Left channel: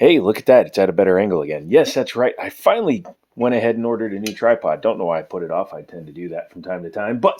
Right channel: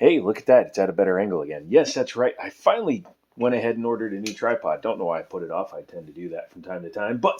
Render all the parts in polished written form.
Hey, look at that. It's at a better angle again. Yes, that's right. I finally went ahead and ordered a new tripod. Don't know why I put it off. I tend to do that from time to time. But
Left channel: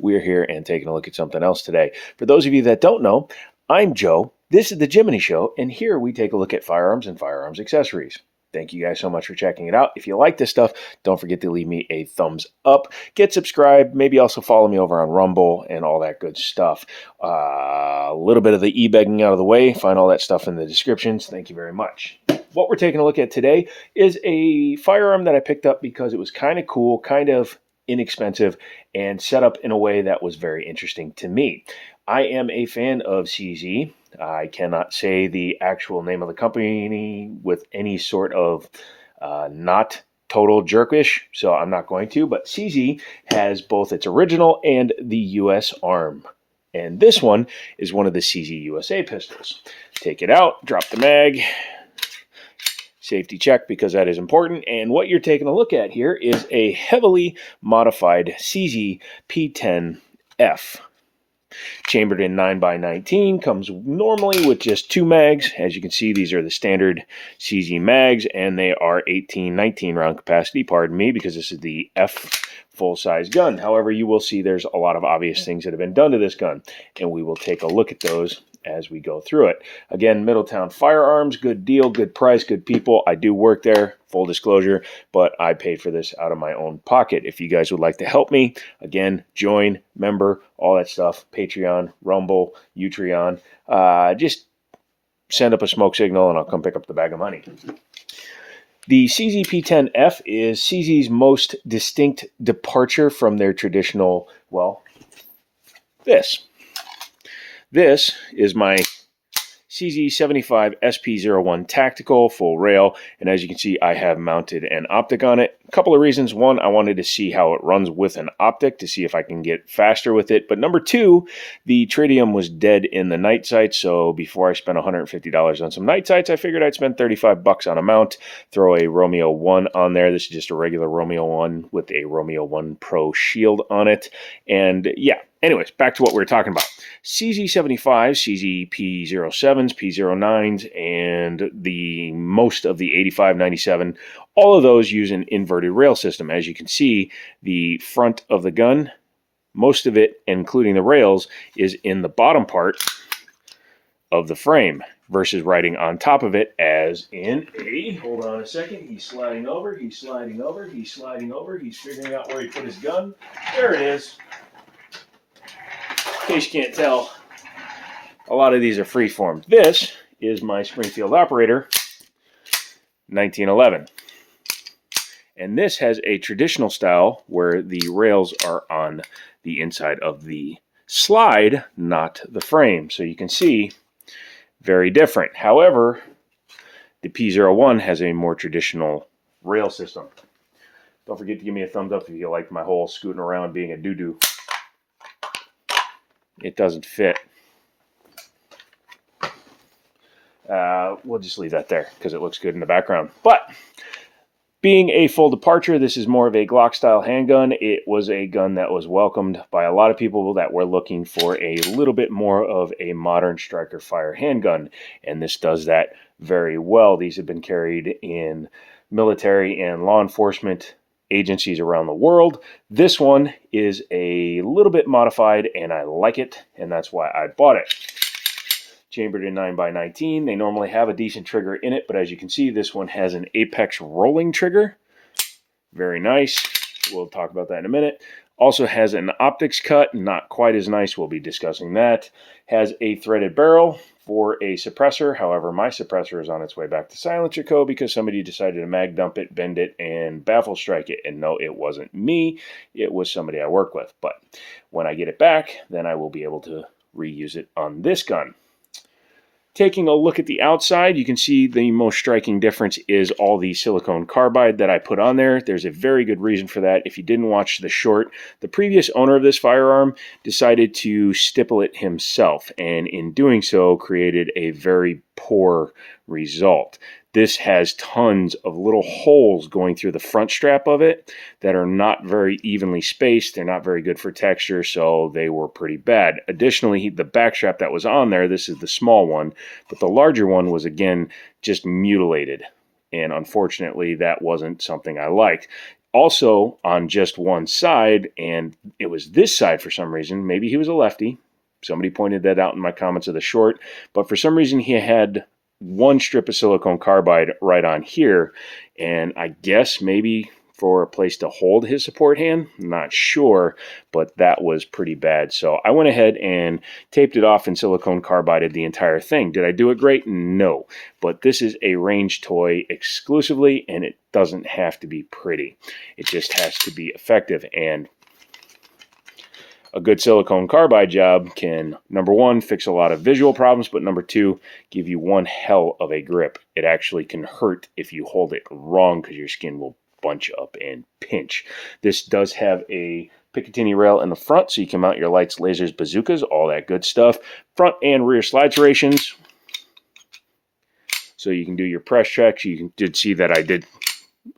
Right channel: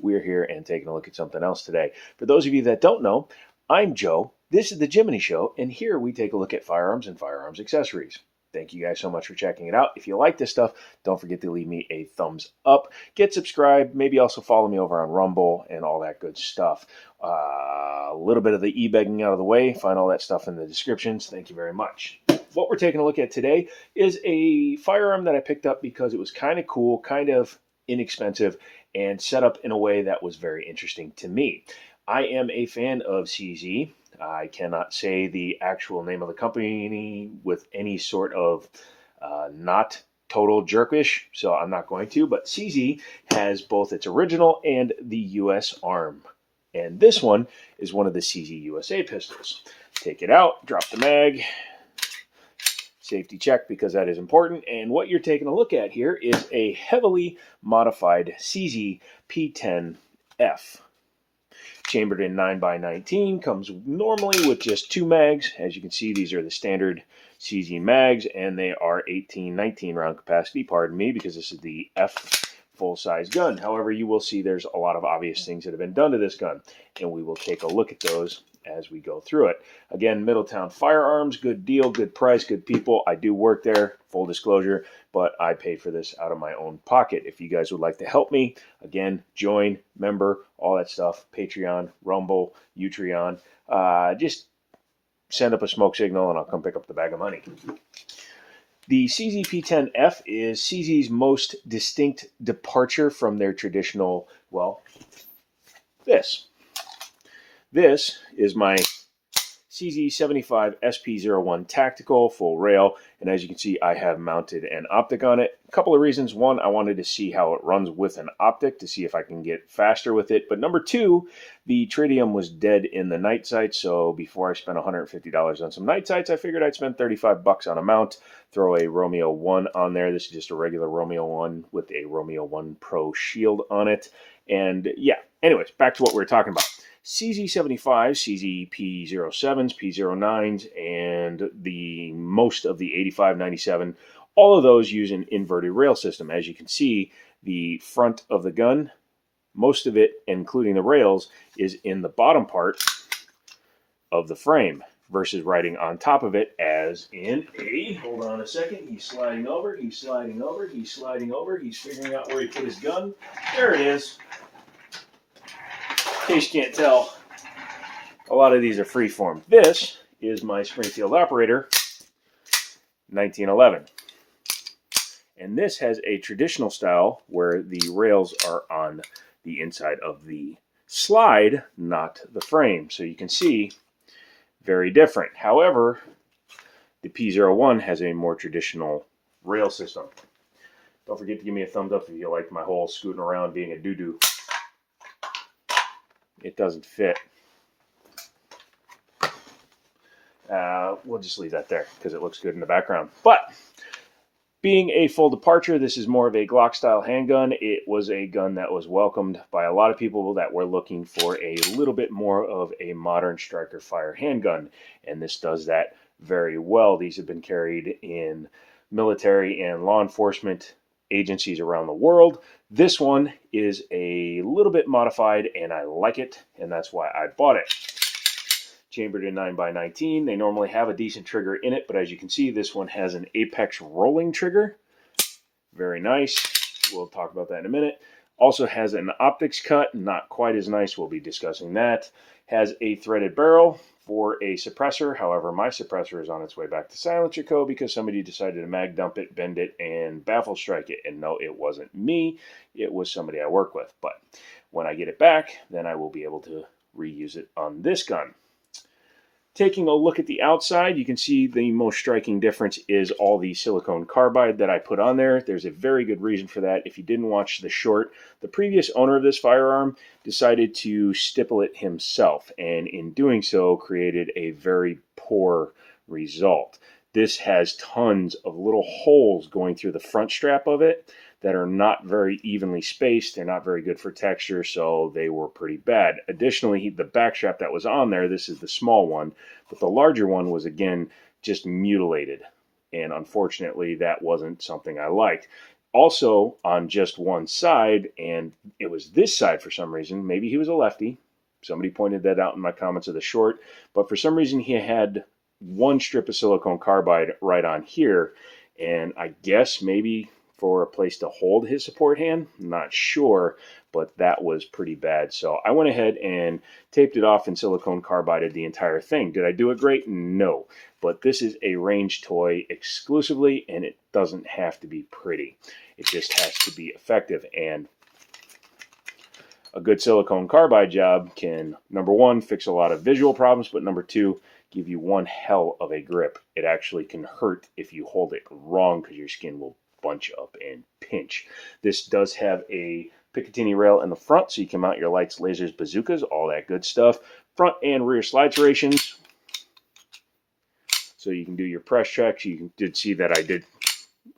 we're here and taking a look at something else today. For those of you that don't know, I'm Joe. This is the Jiminy Show, and here we take a look at firearms and firearms accessories. Thank you guys so much for checking it out. If you like this stuff, don't forget to leave me a thumbs up. Get subscribed. Maybe also follow me over on Rumble and all that good stuff. A little bit of the e-begging out of the way. Find all that stuff in the descriptions. Thank you very much. What we're taking a look at today is a firearm that I picked up because it was kind of cool, kind of inexpensive, and set up in a way that was very interesting to me. I am a fan of CZ. I cannot say the actual name of the company with any sort of not total jerkish, so I'm not going to, but CZ has both its original and the US arm. And this one is one of the CZ USA pistols. Take it out, drop the mag, safety check because that is important. And what you're taking a look at here is a heavily modified CZ P10 F. Chambered in 9x19, comes normally with just 2 mags. As you can see, these are the standard CZ mags, and they are 19 round capacity, pardon me, because this is the F full-size gun. However, you will see there's a lot of obvious things that have been done to this gun, and we will take a look at those as we go through it. Again, Middletown Firearms, good deal, good price, good people. I do work there, full disclosure, but I paid for this out of my own pocket. If you guys would like to help me, again, join, member, all that stuff, Patreon, Rumble, Utreon, just send up a smoke signal and I'll come pick up the bag of money. The CZ P10 F is CZ's most distinct departure from their traditional, well, this. This is my CZ75 SP01 Tactical full rail, and as you can see, I have mounted an optic on it. A couple of reasons. One, I wanted to see how it runs with an optic to see if I can get faster with it. But number two, the tritium was dead in the night sights, so before I spent $150 on some night sights, I figured I'd spend $35 on a mount, throw a Romeo 1 on there. This is just a regular Romeo 1 with a Romeo 1 Pro shield on it. And yeah, anyways, back to what we were talking about. CZ75, CZ P07s, P09s, and the most of the 85, 97, all of those use an inverted rail system. As you can see, the front of the gun, most of it, including the rails, is in the bottom part of the frame versus riding on top of it as in a, hold on a second, he's sliding over, he's sliding over, he's sliding over, he's figuring out where he put his gun. There it is. In case you can't tell, a lot of these are freeform. This is my Springfield Operator 1911. And this has a traditional style where the rails are on the inside of the slide, not the frame. So you can see, very different. However, the P01 has a more traditional rail system. Don't forget to give me a thumbs up if you like my whole scooting around being a doo-doo. It doesn't fit. We'll just leave that there because it looks good in the background. But being a full departure, this is more of a Glock style handgun. It was a gun that was welcomed by a lot of people that were looking for a little bit more of a modern striker fire handgun, and this does that very well. These have been carried in military and law enforcement agencies around the world. This one is a little bit modified and I like it, and that's why I bought it. Chambered in 9x19. They normally have a decent trigger in it, but as you can see, this one has an apex rolling trigger. Very nice. We'll talk about that in a minute. Also has an optics cut, not quite as nice. We'll be discussing that. Has a threaded barrel for a suppressor. However, my suppressor is on its way back to Silencer Co. because somebody decided to mag dump it, bend it, and baffle strike it. And no, it wasn't me. It was somebody I work with. But when I get it back, then I will be able to reuse it on this gun. Taking a look at the outside, you can see the most striking difference is all the silicone carbide that I put on there. There's a very good reason for that. If you didn't watch the short, the previous owner of this firearm decided to stipple it himself, and in doing so created a very poor result. This has tons of little holes going through the front strap of it that are not very evenly spaced. They're not very good for texture, so they were pretty bad. Additionally, the back strap that was on there, this is the small one, but the larger one was, again, just mutilated. And unfortunately, that wasn't something I liked. Also, on just one side, and it was this side for some reason, maybe he was a lefty. Somebody pointed that out in my comments of the short, but for some reason he had one strip of silicone carbide right on here, and I guess maybe for a place to hold his support hand, not sure, but that was pretty bad. So I went ahead and taped it off and silicone carbided the entire thing. Did I do it great? No, but this is a range toy exclusively, and it doesn't have to be pretty. It just has to be effective, and a good silicone carbide job can, number one, fix a lot of visual problems, but number two, give you one hell of a grip. It actually can hurt if you hold it wrong because your skin will bunch up and pinch. This does have a Picatinny rail in the front, so you can mount your lights, lasers, bazookas, all that good stuff. Front and rear slide serrations, so you can do your press checks. You did see that I did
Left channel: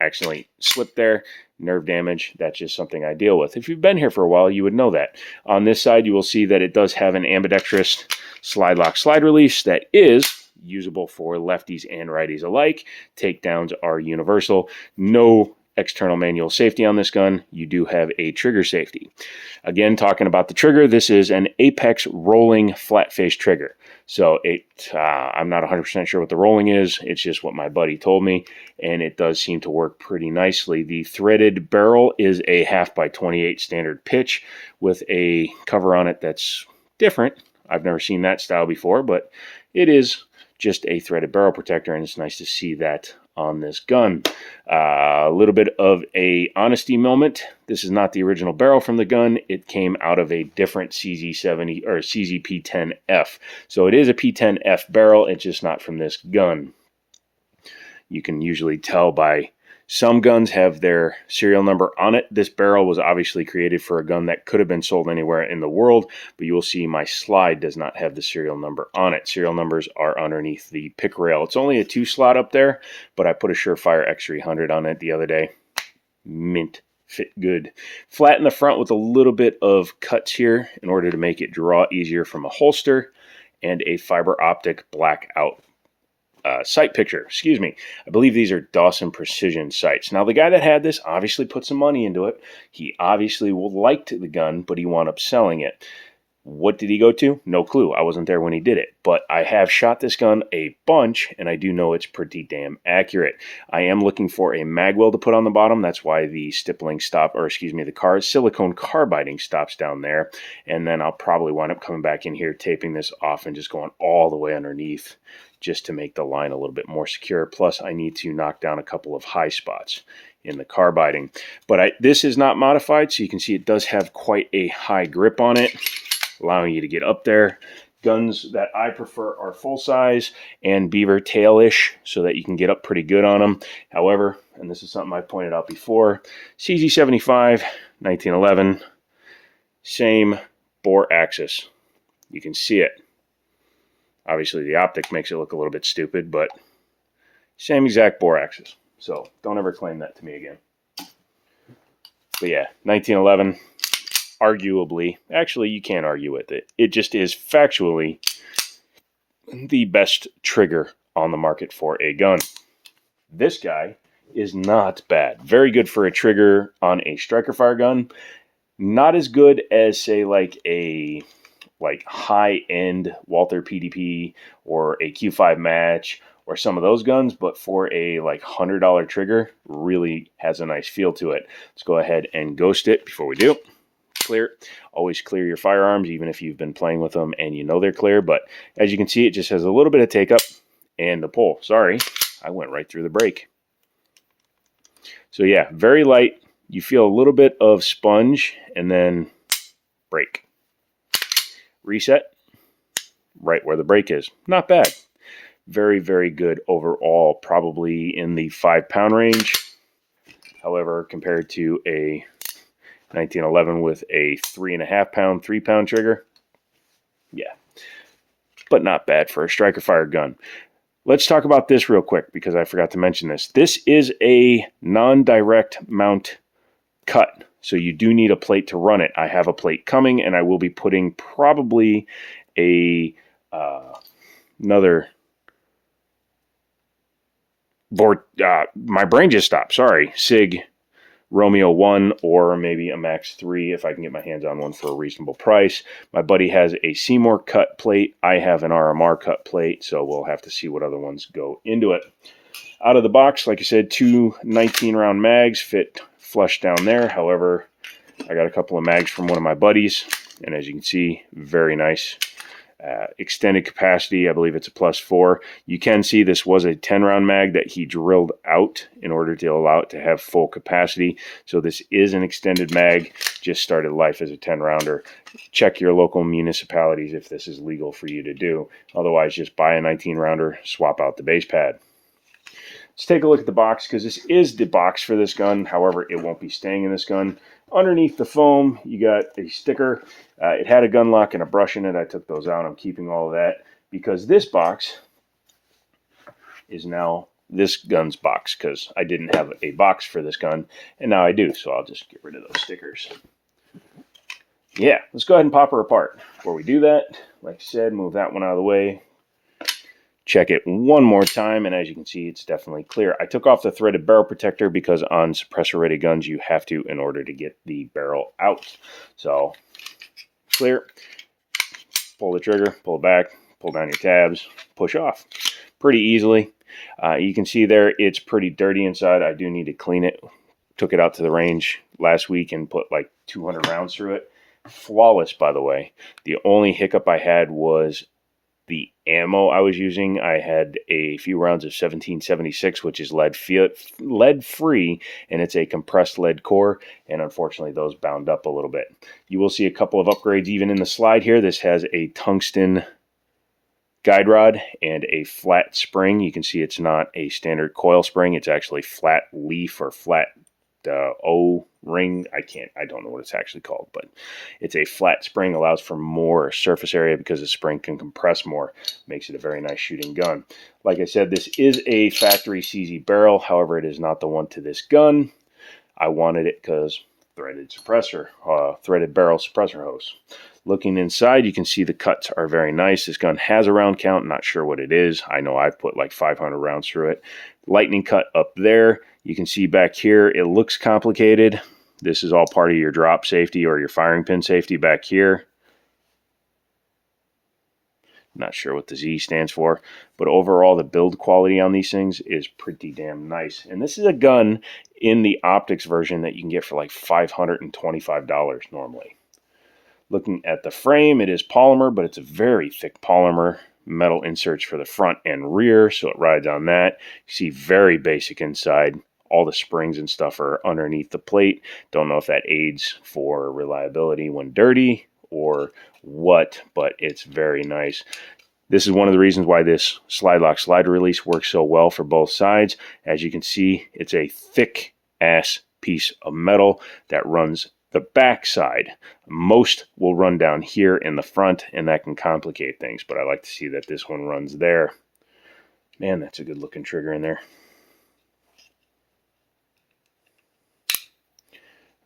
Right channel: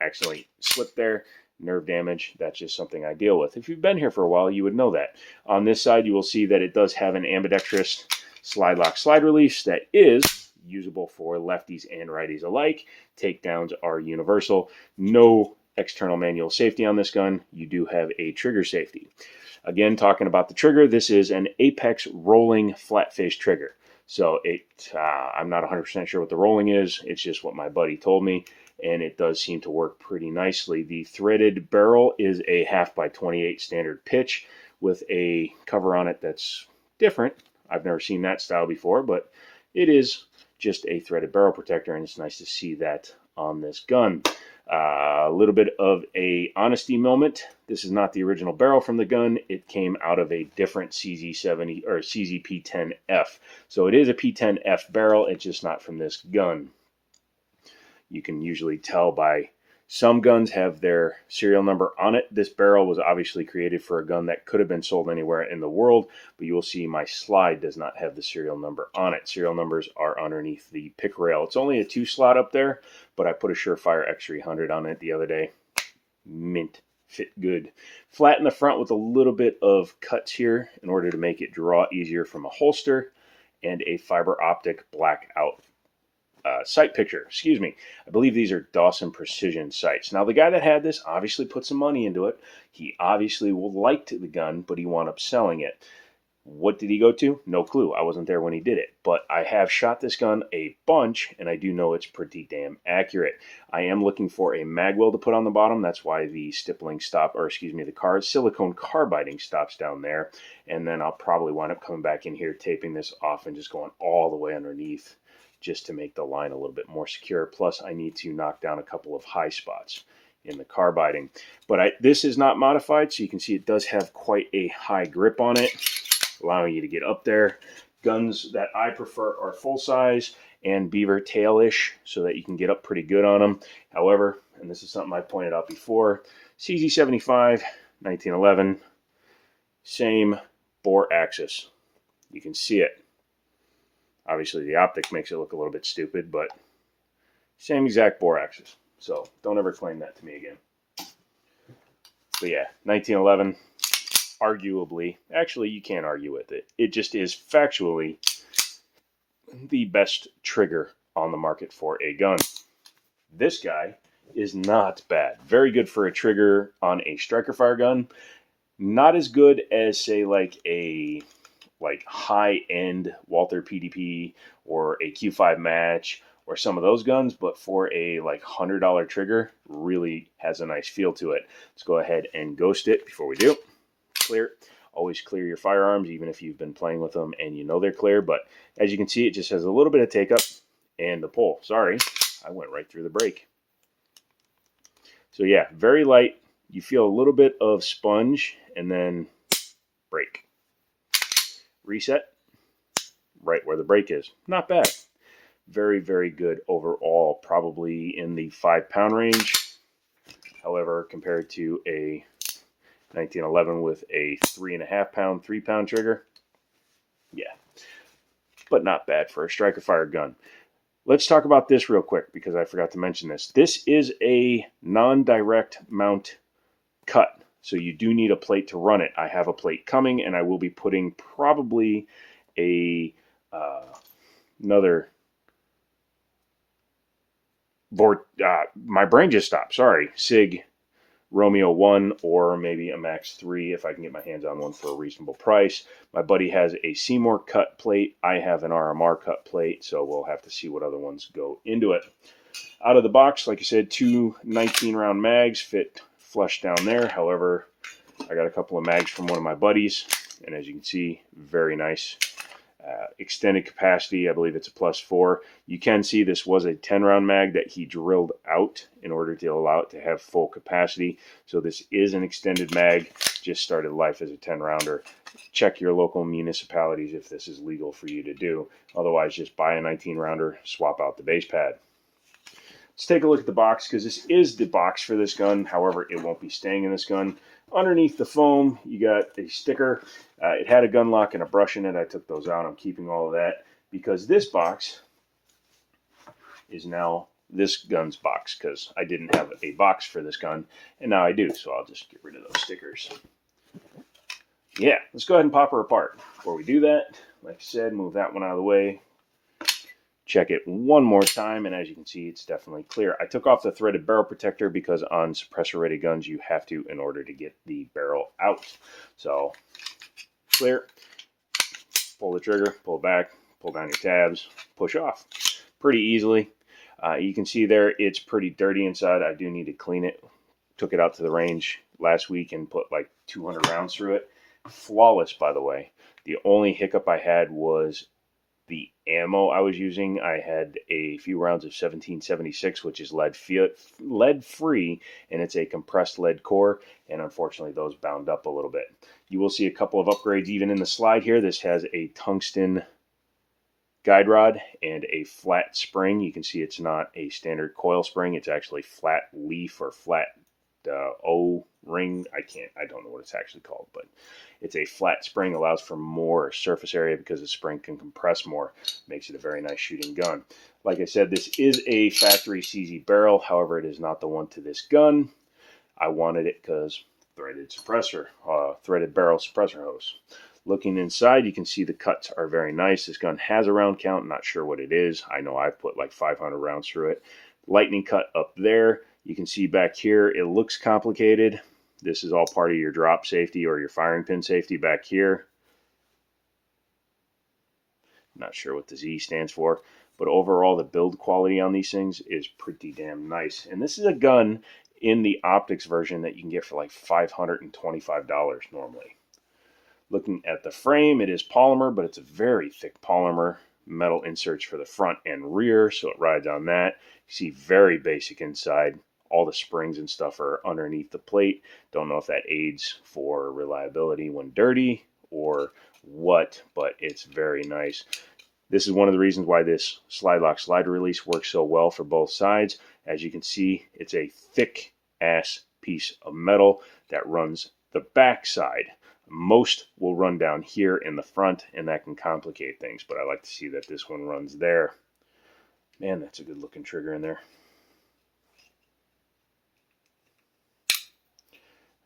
accidentally slip there. Nerve damage, that's just something I deal with. If you've been here for a while, you would know that. On this side, you will see that it does have an ambidextrous slide lock slide release that is usable for lefties and righties alike. Takedowns are universal. No external manual safety on this gun. You do have a trigger safety. Again, talking about the trigger, this is an Apex rolling flat face trigger. So I'm not 100% sure what the rolling is. It's just what my buddy told me, and it does seem to work pretty nicely. The threaded barrel is a 1/2x28 standard pitch with a cover on it that's different. I've never seen that style before, but it is just a threaded barrel protector, and it's nice to see that on this gun. A little bit of a honesty moment. This is not the original barrel from the gun. It came out of a different CZ70 or CZ P10 F. So it is a P10 F barrel. It's just not from this gun. You can usually tell by some guns have their serial number on it. This barrel was obviously created for a gun that could have been sold anywhere in the world, but you will see my slide does not have the serial number on it. Serial numbers are underneath the pick rail. It's only a 2-slot up there, but I put a Surefire X300 on it the other day. Mint. Fit good. Flat in the front with a little bit of cuts here in order to make it draw easier from a holster, and a fiber optic blackout sight picture. Excuse me. I believe these are Dawson Precision sights. Now, the guy that had this obviously put some money into it. He obviously liked the gun, but he wound up selling it. What did he go to? No clue. I wasn't there when he did it, but I have shot this gun a bunch, and I do know it's pretty damn accurate. I am looking for a mag well to put on the bottom. That's why the stippling stop, or excuse me, the silicone carbiding stops down there, and then I'll probably wind up coming back in here, taping this off, and just going all the way underneath just to make the line a little bit more secure. Plus, I need to knock down a couple of high spots in the carbiding. But this is not modified, so you can see it does have quite a high grip on it, allowing you to get up there. Guns that I prefer are full size and beaver tail-ish, so that you can get up pretty good on them. However, and this is something I pointed out before, CZ75, 1911, same bore axis. You can see it. Obviously, the optic makes it look a little bit stupid, but same exact bore axis. So don't ever claim that to me again. But yeah, 1911. Arguably, actually you can't argue with it. It just is factually the best trigger on the market for a gun. This guy is not bad. Very good for a trigger on a striker fire gun. Not as good as, say, like a high-end Walther PDP or a Q5 match or some of those guns, but for a $100 trigger, really has a nice feel to it. Let's go ahead and ghost it before we do. Clear. Always clear your firearms, even if you've been playing with them and you know they're clear. But as you can see, it just has a little bit of take up and the pull. Sorry, I went right through the brake. So yeah, very light. You feel a little bit of sponge and then brake. Reset right where the brake is. Not bad. Very, very good overall. Probably in the 5-pound range. However, compared to a 1911 with a 3.5-pound, 3-pound trigger, yeah, but not bad for a striker fire gun. Let's talk about this real quick because I forgot to mention this. This is a non-direct mount cut, so you do need a plate to run it. I have a plate coming, and I will be putting probably a another my brain just stopped. Sorry, SIG Romeo 1 or maybe a Max 3 if I can get my hands on one for a reasonable price. My buddy has a Seymour cut plate. I have an RMR cut plate, so we'll have to see what other ones go into it. Out of the box, like I said, two 19-round mags fit flush down there. However, I got a couple of mags from one of my buddies, and as you can see, very nice. Extended capacity, I believe it's a +4. You can see this was a 10-round mag that he drilled out in order to allow it to have full capacity. So this is an extended mag, just started life as a 10-rounder. Check your local municipalities if this is legal for you to do. Otherwise, just buy a 19-rounder, swap out the base pad. Let's take a look at the box, because this is the box for this gun. However, it won't be staying in this gun. Underneath the foam, you got a sticker. It had a gun lock and a brush in it. I took those out. I'm keeping all of that because this box is now this gun's box, because I didn't have a box for this gun, and now I do. So I'll just get rid of those stickers. Yeah, let's go ahead and pop her apart. Before we do that, like I said, move that one out of the way. Check it one more time, and as you can see, it's definitely clear. I took off the threaded barrel protector because on suppressor-rated guns, you have to in order to get the barrel out. So, clear. Pull the trigger, pull it back, pull down your tabs, push off. Pretty easily. You can see there, it's pretty dirty inside. I do need to clean it. Took it out to the range last week and put like 200 rounds through it. Flawless, by the way. The only hiccup I had was the ammo I was using. I had a few rounds of 1776, which is lead-free, and it's a compressed lead core, and unfortunately those bound up a little bit. You will see a couple of upgrades even in the slide here. This has a tungsten guide rod and a flat spring. You can see it's not a standard coil spring. It's actually flat leaf or flat O-ring. I don't know what it's actually called, but it's a flat spring, allows for more surface area because the spring can compress more. Makes it a very nice shooting gun. Like I said, this is a factory CZ barrel. However, it is not the one to this gun. I wanted it because threaded barrel suppressor hose. Looking inside, you can see the cuts are very nice. This gun has a round count. Not sure what it is. I know I've put like 500 rounds through it. Lightning cut up there. You can see back here, it looks complicated. This is all part of your drop safety or your firing pin safety back here. Not sure what the Z stands for, but overall the build quality on these things is pretty damn nice. And this is a gun in the optics version that you can get for like $525 normally. Looking at the frame, it is polymer, but it's a very thick polymer. Metal inserts for the front and rear, so it rides on that. You see very basic inside. All the springs and stuff are underneath the plate. Don't know if that aids for reliability when dirty or what, but it's very nice. This is one of the reasons why this slide lock slider release works so well for both sides. As you can see, it's a thick ass piece of metal that runs the back side. Most will run down here in the front, and that can complicate things, but I like to see that this one runs there. Man, that's a good looking trigger in there.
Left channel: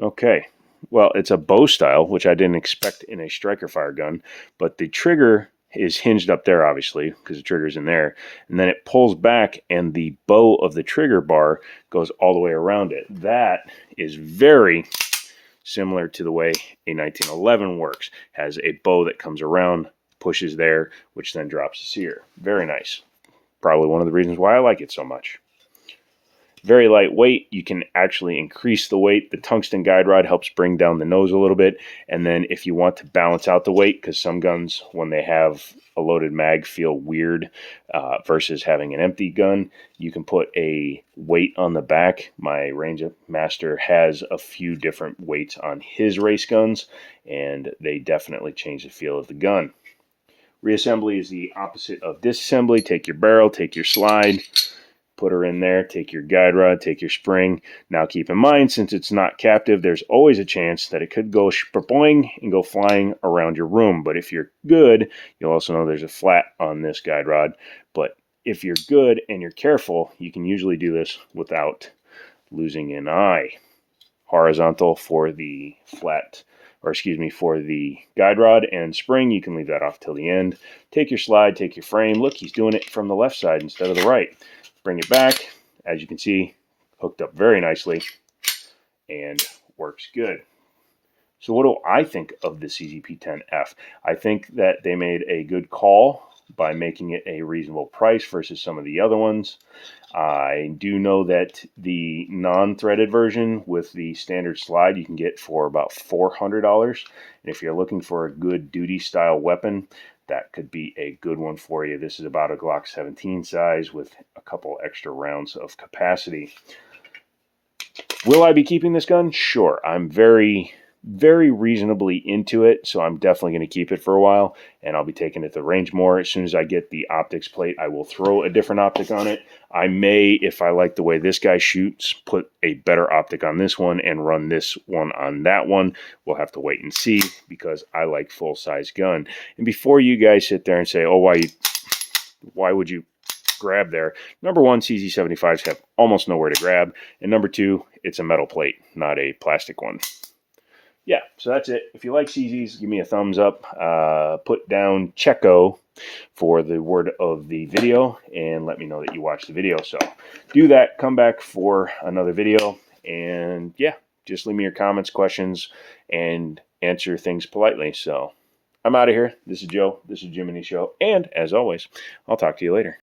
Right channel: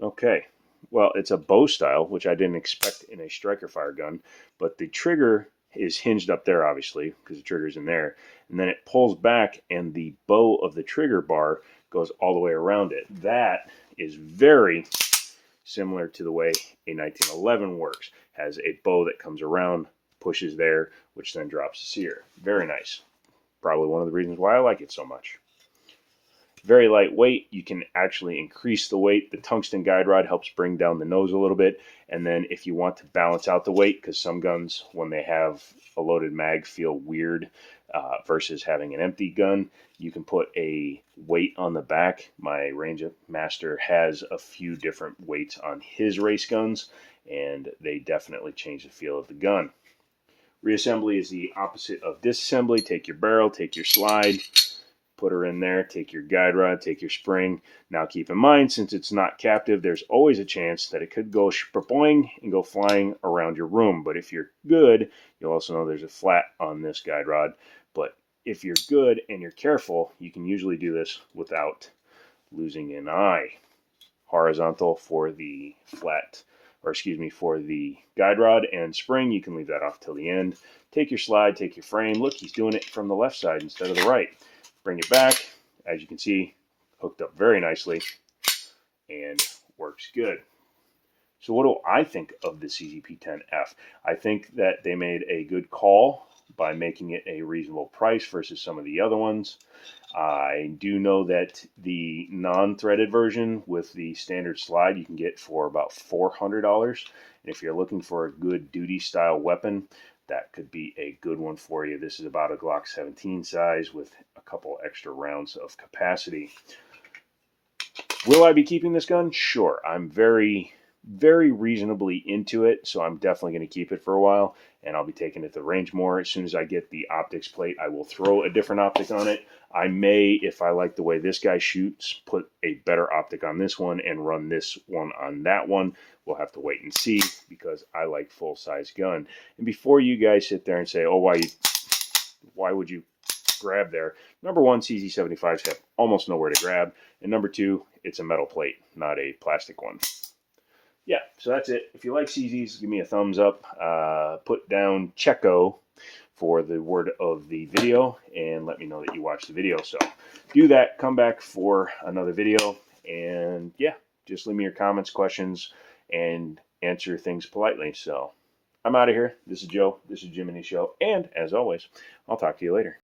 Okay, well, it's a bow style, which I didn't expect in a striker fire gun, but the trigger is hinged up there, obviously, because the trigger's in there, and then it pulls back, and the bow of the trigger bar goes all the way around it. That is very similar to the way a 1911 works. Has a bow that comes around, pushes there, which then drops here. Very nice. Probably one of the reasons why I like it so much. Very lightweight. You can actually increase the weight. The tungsten guide rod helps bring down the nose a little bit. And then if you want to balance out the weight, because some guns, when they have a loaded mag, feel weird versus having an empty gun, you can put a weight on the back. My Range Master has a few different weights on his race guns, and they definitely change the feel of the gun. Reassembly is the opposite of disassembly. Take your barrel, take your slide, put her in there, take your guide rod, take your spring. Now keep in mind, since it's not captive, there's always a chance that it could go boing and go flying around your room. But if you're good, you'll also know there's a flat on this guide rod. But if you're good and you're careful, you can usually do this without losing an eye. Horizontal for the flat, or excuse me, for the guide rod, and spring, you can leave that off till the end. Take your slide, take your frame. Look, he's doing it from the left side instead of the right. Bring it back. As you can see, hooked up very nicely and works good. So what do I think of the CZ P10 F? I think that they made a good call by making it a reasonable price versus some of the other ones. I do know that the non-threaded version with the standard slide you can get for about $400. And if you're looking for a good duty style weapon, that could be a good one for you. This is about a Glock 17 size with a couple extra rounds of capacity. Will I be keeping this gun? Sure. I'm very reasonably into it, so I'm definitely going to keep it for a while, and I'll be taking it to the range more. As soon as I get the optics plate, I will throw a different optic on it. I may, if I like the way this guy shoots, put a better optic on this one and run this one on that one. We'll have to wait and see, because I like full-size gun. And before you guys sit there and say, oh, why would you grab there? Number one, CZ75s have almost nowhere to grab, and number two, it's a metal plate, not a plastic one. Yeah, so that's it. If you like CZs, give me a thumbs up. Put down Checo for the word of the video, and let me know that you watched the video. So do that. Come back for another video, and yeah, just leave me your comments, questions, and answer things politely. So I'm out of here. This is Joe. This is Jiminy Show, and as always, I'll talk to you later.